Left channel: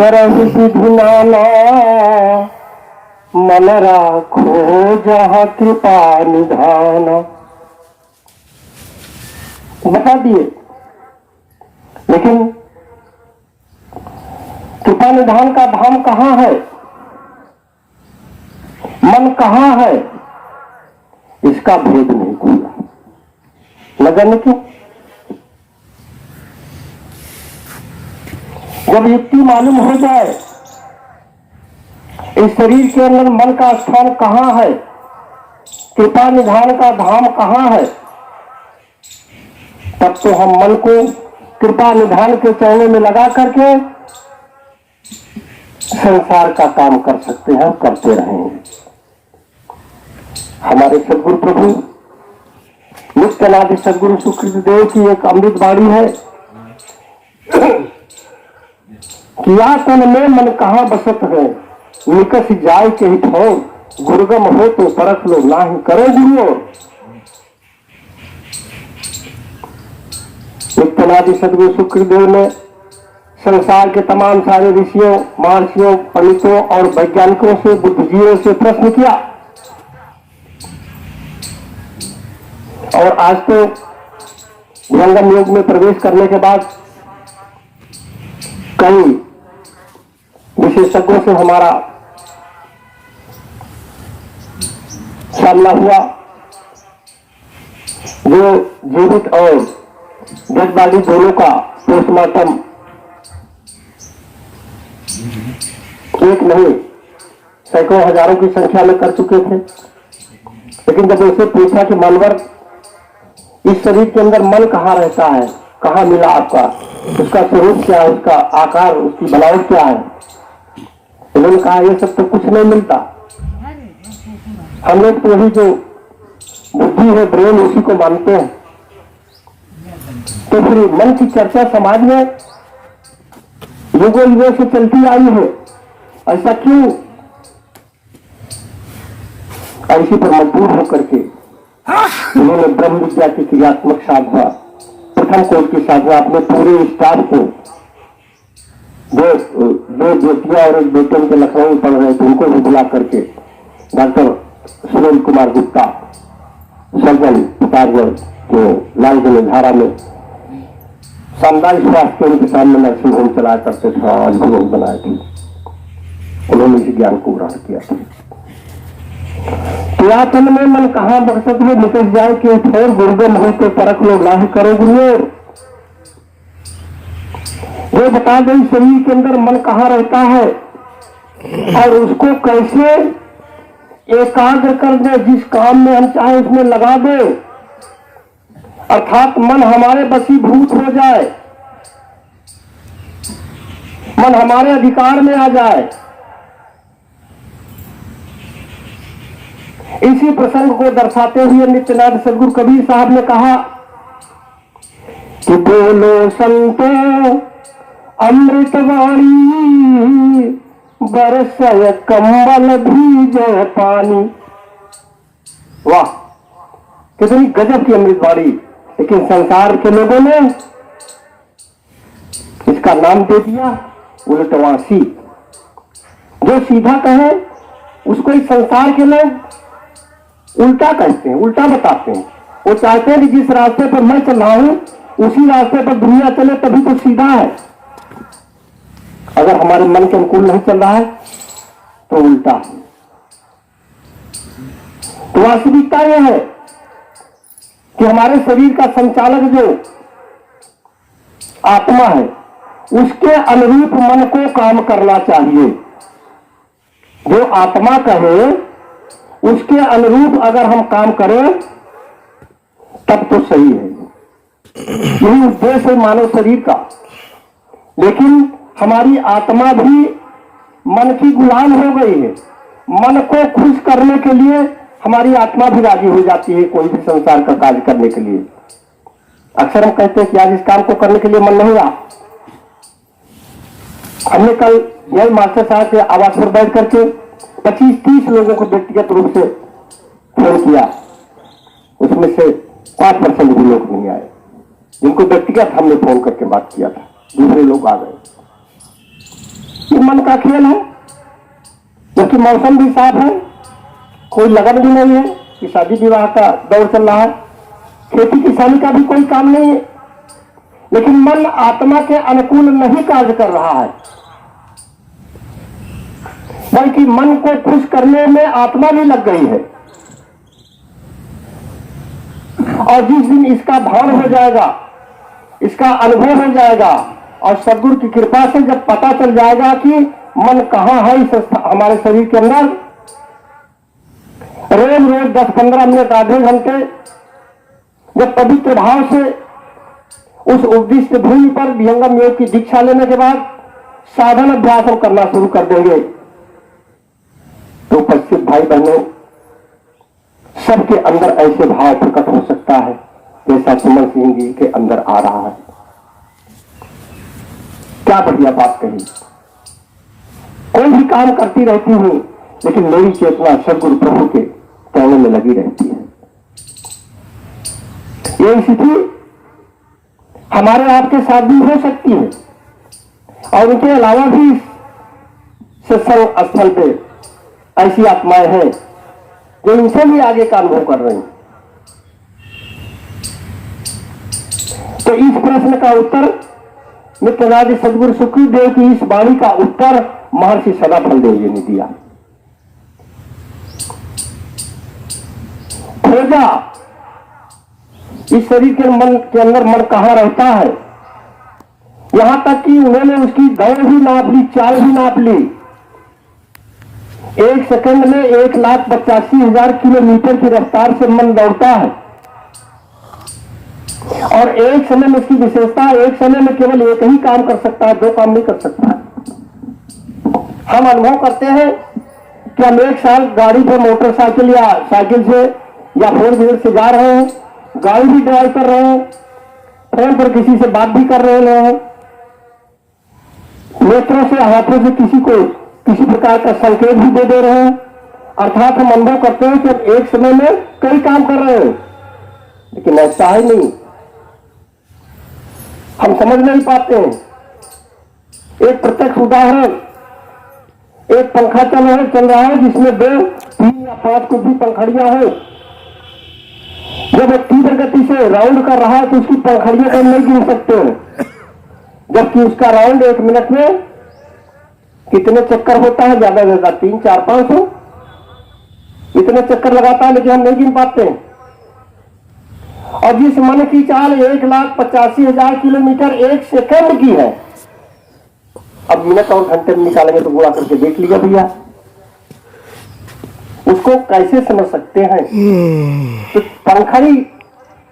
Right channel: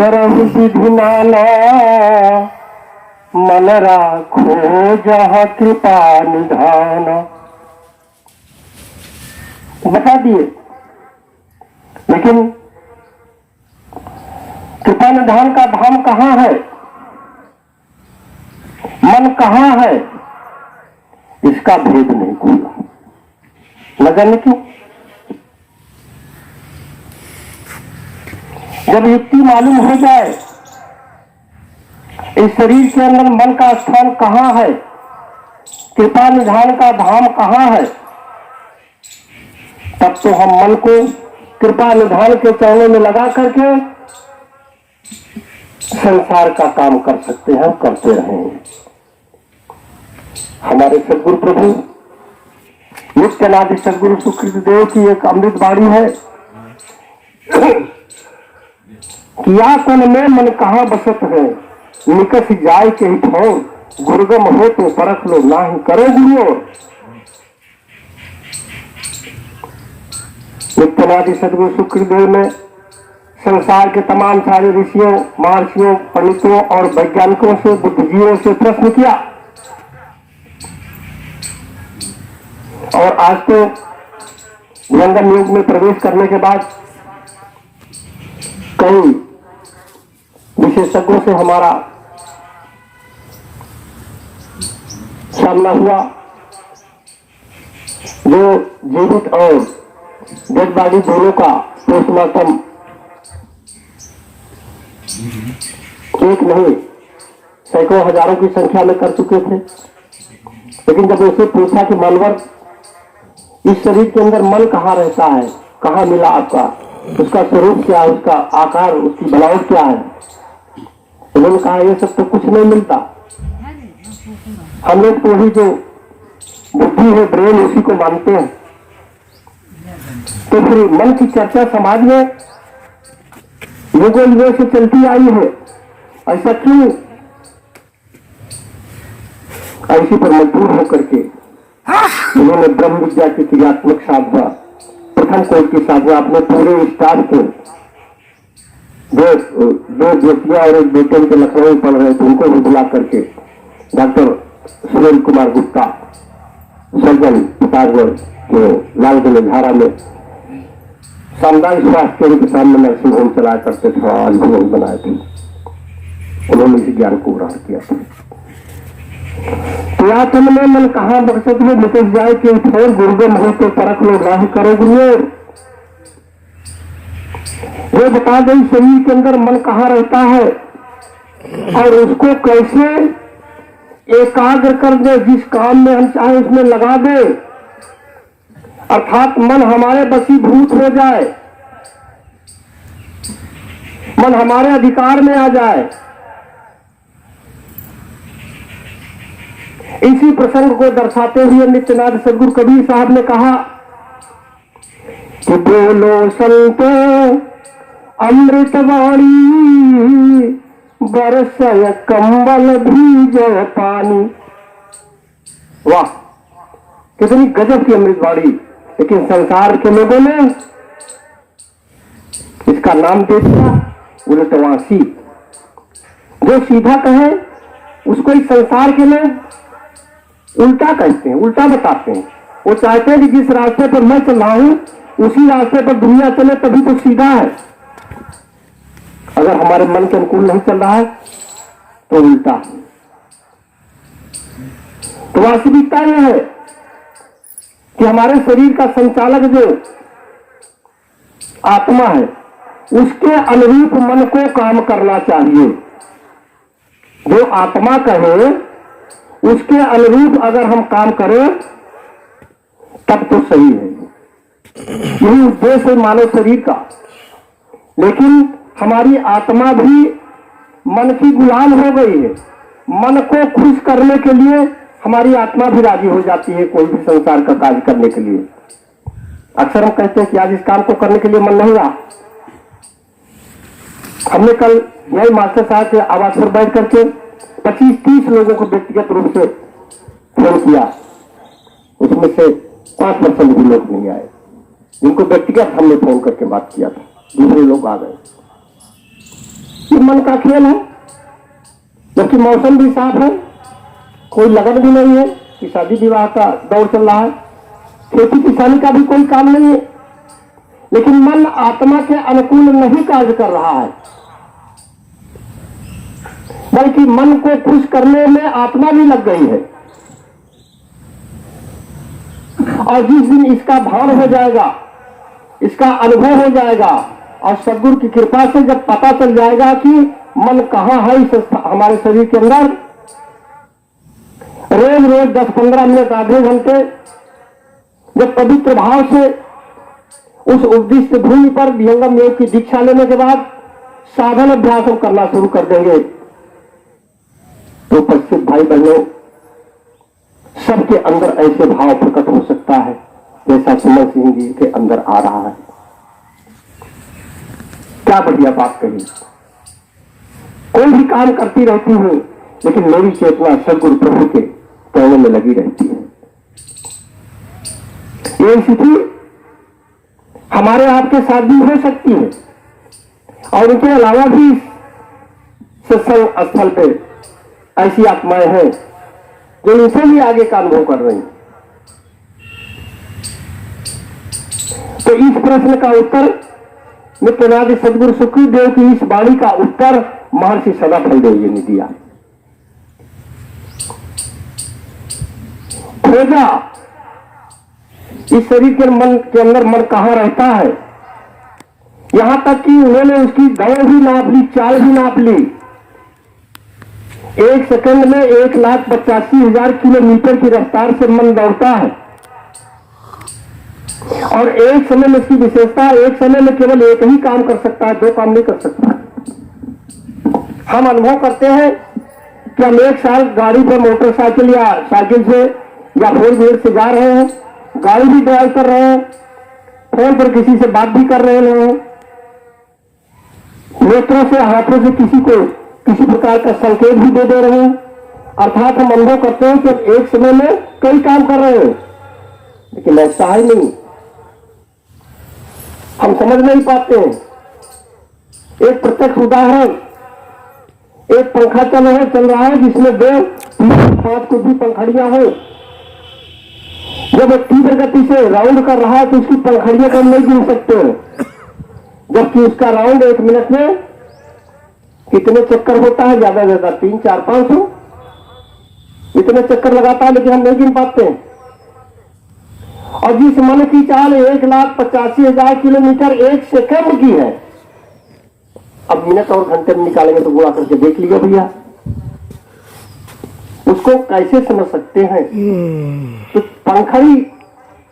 करहु विधि नाना मन राखो जहाँ कृपा निधान। बता दिए, लेकिन कृपा निधान का धाम कहाँ है, मन कहाँ है, इसका भेद नहीं खुला। लगन क्यों? जब युक्ति मालूम हो जाए इस शरीर के अंदर मन का स्थान कहाँ है, कृपा निधान का धाम कहाँ है, तब तो हम मन को कृपा निधान के चरणों में लगा करके संसार का काम कर सकते हैं, करते रहेंगे। हमारे सदगुरु प्रभु नित्यानादि सदगुरु सुकृत देव की एक अमृत वाणी है किया तन में मन कहाँ बसत है, निकस जाय के ही ठोर, गुरुगम हो तो परख लो नाही करे गुरु। नित्यानादि सदगुरु सुखदेव ने संसार के तमाम सारे ऋषियों, महर्षियों, पंडितों और वैज्ञानिकों से, बुद्धिजीवियों से प्रश्न किया, और आज तो विहंगम युग में प्रवेश करने के बाद कई विशेषज्ञों से हमारा सामना हुआ, जो जीवित और डेड बॉडी दोनों का पोस्टमार्टम एक नहीं सैकड़ों हजारों की संख्या में कर चुके थे। लेकिन जब उसे पूछा कि मानवर, इस शरीर के अंदर मन कहाँ रहता है, कहाँ मिला आपका, उसका स्वरूप क्या है, उसका आकार, उसकी बनावट क्या है, उन्होंने कहा ये सब तो कुछ नहीं मिलता, हम लोग तो वही जो बुद्धि है, ब्रेन, उसी को मानते हैं। तो फिर मन की चर्चा समाज में युगों युगों से चलती आई है, ऐसा क्यों? ऐसी पर मजबूर होकर के उन्होंने ब्रह्म विद्या की क्रियात्मक साधना, प्रथम कोर्स की साधना अपने पूरे स्टाफ को, दो बेटियां और एक बेटे के लखनऊ पढ़ रहे थे, उनको भी बुला करके डॉक्टर सुरेंद्र कुमार गुप्ता सर्जन पितारगढ़ के लालगंज धारा में सामुदायिक स्वास्थ्य केंद्र के सामने नर्सिंग होम चलाया करते थे और अनुभव बनाए थे, उन्होंने इस ज्ञान को ग्रहण किया था। पुरातन में मन कहाँ बरसत में निकल जाए कि ठोर, गुरुगम हो तो परख लो नाही करे गुरु। ये बता दें शरीर के अंदर मन कहाँ रहता है और उसको कैसे एकाग्र कर दे, जिस काम में हम चाहे उसमें लगा दे, अर्थात मन हमारे वशीभूत हो जाए, मन हमारे अधिकार में आ जाए। इसी प्रसंग को दर्शाते हुए नित्यानंद सदगुरु कबीर साहब ने कहा कि बोलो संतो अमृत वाणी, बरसय कंबल भीजय पानी। वाह, कितनी गजब की अमृत वाणी। लेकिन संसार के लोगों ने इसका नाम दे दिया उलटवासी। जो सीधा कहे उसको इस संसार के लोग उल्टा कहते हैं, उल्टा बताते हैं। वो चाहते हैं कि जिस रास्ते पर मैं चल रहा हूं उसी रास्ते पर दुनिया चले, तभी तो सीधा है। अगर हमारे मन के अनुकूल नहीं चल रहा है तो उल्टा है। तो वास्तविकता यह है कि हमारे शरीर का संचालक जो आत्मा है, उसके अनुरूप मन को काम करना चाहिए। जो आत्मा कहे उसके अनुरूप अगर हम काम करें तब तो सही है। यही उद्देश्य है मानव शरीर का। लेकिन हमारी आत्मा भी मन की गुलाम हो गई है। मन को खुश करने के लिए हमारी आत्मा भी राजी हो जाती है कोई भी संसार का कार्य करने के लिए। अक्सर हम कहते हैं कि आज इस काम को करने के लिए मन नहीं रहा। हमने कल यही मास्टर साहब के आवास पर बैठ करके 25-30 लोगों को व्यक्तिगत रूप से फोन किया, उसमें से 5% भी लोग नहीं आए जिनको व्यक्तिगत हमने फोन करके बात किया था। दूसरे लोग आ गए। मन का खेल है, क्योंकि मौसम भी साफ है, कोई लगन भी नहीं है कि शादी विवाह का दौर चल रहा है, खेती किसानी का भी कोई काम नहीं है, लेकिन मन आत्मा के अनुकूल नहीं कार्य कर रहा है, बल्कि मन को खुश करने में आत्मा भी लग गई है। और जिस दिन इसका भान हो जाएगा, इसका अनुभव हो जाएगा, और सदगुरु की कृपा से जब पता चल जाएगा कि मन कहाँ है इस हमारे शरीर के अंदर, रोज रोज 10-15 मिनट आधे घंटे जब पवित्र भाव से उस उपदिष्ट भूमि पर विहंगम योग की दीक्षा लेने के बाद साधन अभ्यास हम करना शुरू कर देंगे, तो उपस्थित भाई बहनों, सबके अंदर ऐसे भाव प्रकट हो सकता है जैसा सुमन सिंह जी के अंदर आ रहा है। क्या बढ़िया बात कही। कोई भी काम करती रहती हूं, लेकिन मेरी चेतना सदगुरु प्रभु के कहने में लगी रहती है। ये स्थिति हमारे आपके साथ भी हो सकती है, और इनके अलावा भी सत्संग स्थल पे ऐसी आत्माएं हैं जो इनसे भी आगे का अनुभव कर रही हैं। तो इस प्रश्न का उत्तर नित्यानंद सदगुरु सुखदेव की इस वाणी का उत्तर महर्षि सदाफल देव जी ने दिया। खोजा इस शरीर के मन के अंदर मन कहां रहता है, यहां तक कि उन्होंने उसकी दौड़ भी नाप ली, चाल भी नाप ली। 1 सेकंड में 1,85,000 किलोमीटर की रफ्तार से मन दौड़ता है, और एक समय में इसकी विशेषता, एक समय में केवल एक ही काम कर सकता है, 2 काम नहीं कर सकता। हम अनुभव करते हैं कि हम 1 साल गाड़ी पर मोटरसाइकिल या साइकिल से या 4 व्हीलर से जा रहे हैं, गाड़ी भी ड्राइव कर रहे हैं, फोन पर किसी से बात भी कर रहे हैं, नेत्रों से हाथों से किसी को किसी प्रकार का संकेत भी दे रहे हैं। अर्थात हम अनुभव करते हैं कि अब एक समय में कई काम कर रहे हैं, लेकिन ऐसा ही नहीं, हम समझ नहीं पाते हैं। एक प्रत्यक्ष उदाहरण, एक पंखा चल रहा है जिसमें 2-5 कुछ भी पंखड़ियां हो। जब एक तीव्र गति से राउंड कर रहा है तो उसकी पंखड़ियों को हम नहीं गिन सकते हो, जबकि उसका राउंड 1 मिनट में कितने चक्कर होता है, ज्यादा से ज्यादा 300-400-500 इतने चक्कर लगाता है, लेकिन हम नहीं गिन पाते हैं। और जिस मन की चाल 1,85,000 किलोमीटर 1 सेकंड की है, अब मिनट और घंटे में निकालेंगे तो गुणा करके देख लिया भैया, उसको कैसे समझ सकते हैं। तो पंखड़ी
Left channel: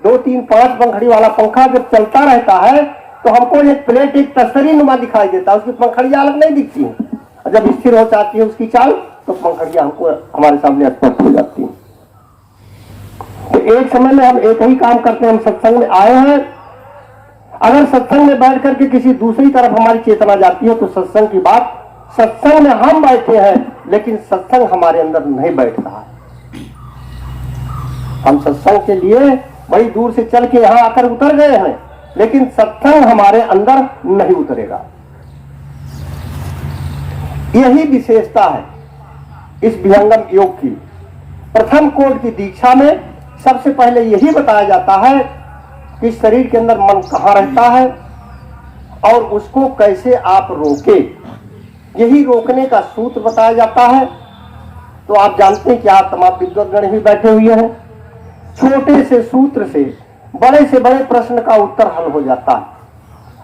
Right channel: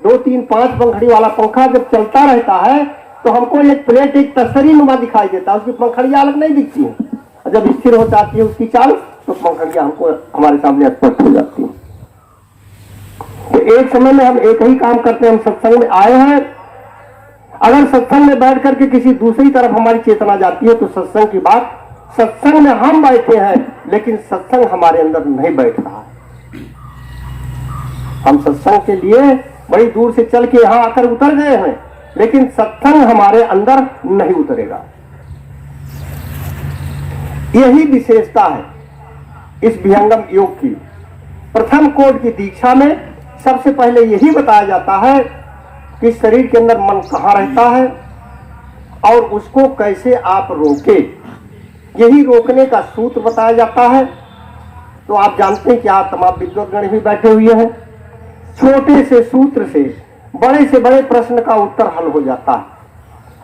2-3-5 पंखड़ी वाला पंखा जब चलता रहता है तो हमको एक प्लेट, एक तस्तरी नुमा दिखाई देता है, उसकी पंखड़ियां अलग नहीं दिखती हैं। जब स्थिर हो जाती है उसकी चाल तो पंखड़ियां हमको हमारे सामने स्पष्ट हो जाती हैं। तो एक समय में हम एक ही काम करते हैं। हम सत्संग में आए हैं, अगर सत्संग में बैठ करके किसी दूसरी तरफ हमारी चेतना जाती है तो सत्संग की बात, सत्संग में हम बैठे हैं लेकिन सत्संग हमारे अंदर नहीं बैठ रहा। हम सत्संग के लिए बड़ी दूर से चल के यहां आकर उतर गए हैं, लेकिन सत्संग हमारे अंदर नहीं उतरेगा। यही विशेषता है इस विहंगम योग की। प्रथम कोड की दीक्षा में सबसे पहले यही बताया जाता है कि शरीर के अंदर मन कहाँ रहता है और उसको कैसे आप रोके, यही रोकने का सूत्र बताया जाता है। तो आप जानते हैं कि आप तमाम विद्वान भी बैठे हुए हैं, छोटे से सूत्र से बड़े प्रश्न का उत्तर हल हो जाता है।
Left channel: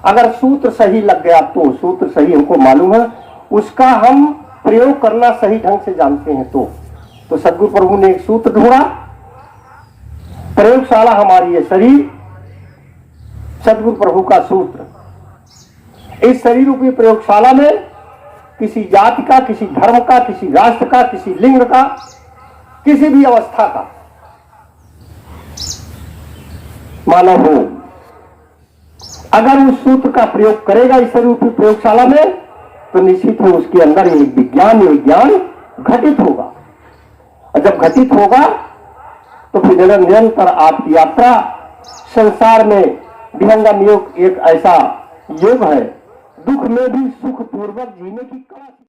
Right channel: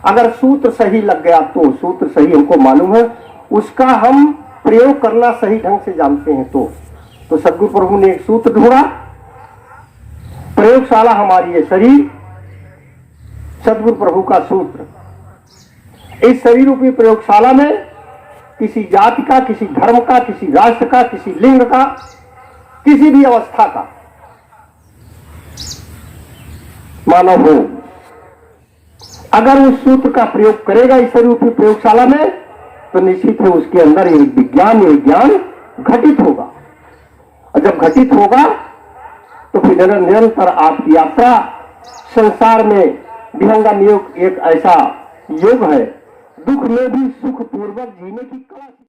अगर सूत्र सही लग गया तो, सूत्र सही हमको मालूम है, उसका हम प्रयोग करना सही ढंग से जानते हैं तो सदगुरु प्रभु ने एक सूत्र ढूंढा। प्रयोगशाला हमारी है शरीर, सदगुरु प्रभु का सूत्र। इस शरीर रूपी प्रयोगशाला में किसी जाति का, किसी धर्म का, किसी राष्ट्र का, किसी लिंग का, किसी भी अवस्था का मानव हो, अगर उस सूत्र का प्रयोग करेगा इस शरीर रूपी प्रयोगशाला में तो निश्चित ही उसके अंदर एक ज्ञान घटित होगा। और जब घटित होगा तो फिर निरंतर आपकी यात्रा संसार में विहंगम योग एक ऐसा योग है दुख में भी सुख पूर्वक जीने की कला